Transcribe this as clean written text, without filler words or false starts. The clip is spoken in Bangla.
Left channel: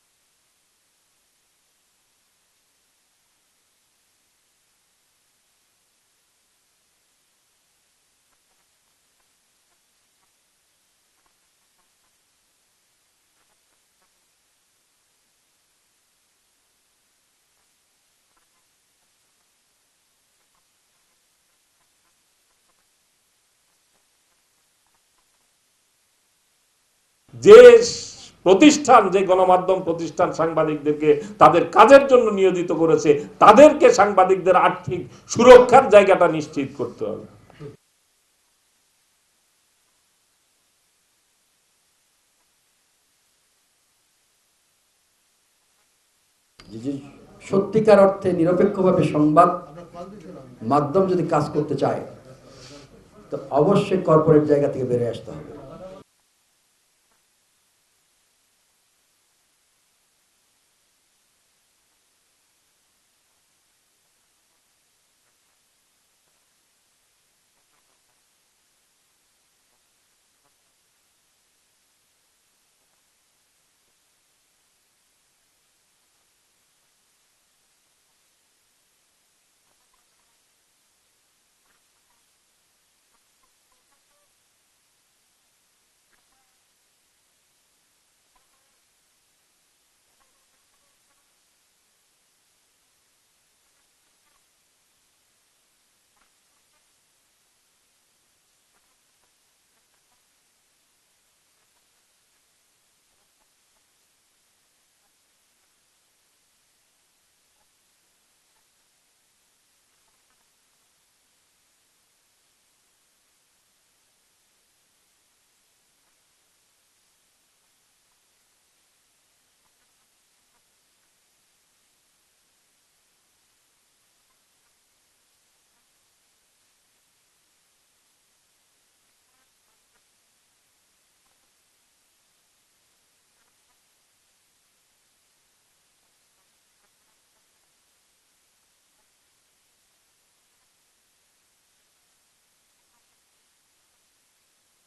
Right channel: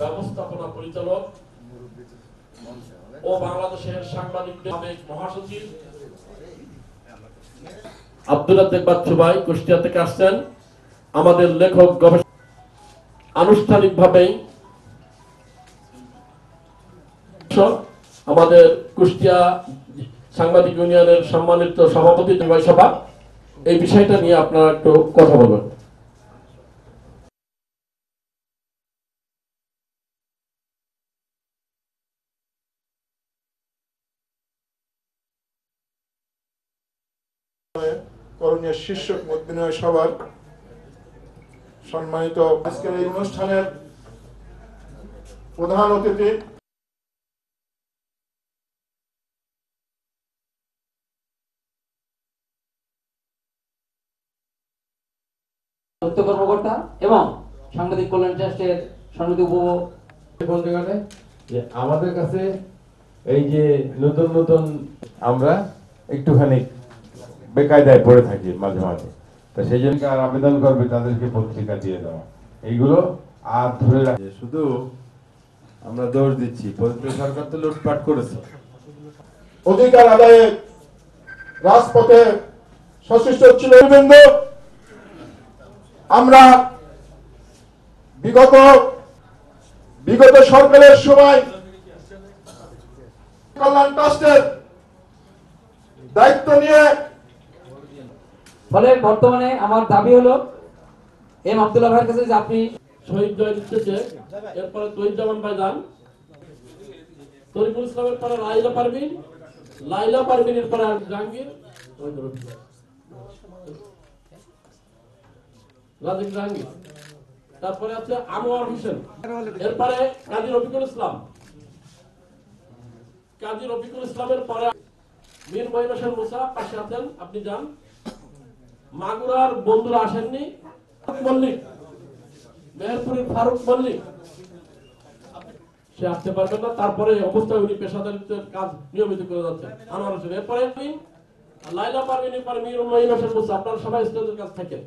ব্যবস্থাপনা পরিচালক ও বাংলাদেশের সাংবাদিকদের মহাসচিব আব্দুল রাজ্জাক বাচ্চু ভাই কুষ্টিয়া থেকে আসছেন। আমাদের লেখক গবেষক আনুষ্ঠানিকভাবেই আমাদের কুষ্টিয়া সাংবাদিক ইউনিয়নের সম্মানিত সভাপতি সভা এই বিষয়টা নিয়ে আপনারা একটু কথা বলবেন। যে প্রতিষ্ঠান, যে গণমাধ্যম প্রতিষ্ঠান সাংবাদিকদেরকে তাদের কাজের জন্য নিয়োজিত করেছে, তাদেরকে সাংবাদিকদের আর্থিক সুরক্ষার জায়গাটা নিশ্চিত করতে হবে। করণীয় শীর্ষক মত বিনিময় সভার সম্মানিত আজকের এই অনুষ্ঠানের প্রধান অতিথি, সত্যিকার অর্থে নিরপেক্ষভাবে সংবাদ মাধ্যম যদি কাজ করতে চায় তো অবশ্যই কর্পোরেট জায়গা থেকে বেরিয়ে আসতে হবে। তথ্য কর্মকর্তা এবং সাংবাদিক কল্যাণ ট্রাস্টের সমিতি বলতে গেলে যে আমাদের কাছে এই যে নতুন নতুন আমরা একটুখানি বেকায়দায় পড়ে থাকি মাঝে মাঝে, তো সেই জন্য আর আবেদন করবে তাদেরকে পত্রিকা দিয়ে দেওয়া, এইগুলো আর ধরে রাখে। শুধু আমরা দোষ দিচ্ছি, সরকার তো লুটপাট করেছে। অধিকার আদায়ে রাজপথে সচেষ্ট ছিল বৃন্দ। আমরা বিগত সরকারের সময় কল্যাণ ট্রাস্টের দায়িত্ব নিয়ে, ফলে বর্তমানে আমার দাবি হলো এম আব্দুল্লাহ ভাইয়ের কাছে যে আপনি শহীদ জয় দিচ্ছে, এরপরে তৈজামান ভাইজান, তরিকুল ইসলামের পরে লাইলা পারভিন এর পরে জাহাঙ্গীর, রাজিক জাহাঙ্গীর, তারপরে আছে আনোয়ার হোসেন, এরপরে কাজী রফিকুল ইসলামের পরে মীর মঈন হোসেন মুসা পাশে আছেন, আপনি যান। মাগুরার বন্ধুরা আসেননি, মল্লিক, মেহেরপুরের ফারুক মল্লিক সে আসতে পারবেন না। তারপরে অবস্থায় উনি পেশাদারিত্বের কাজ নিয়মিত করে যাচ্ছেন। আনোয়ার হোসেন, এরপরে লাইলা পারভিন, এরপরে মীর মঈন হোসেন মুসা, আপনারা সবাই স্টেজের কাছে থাকেন।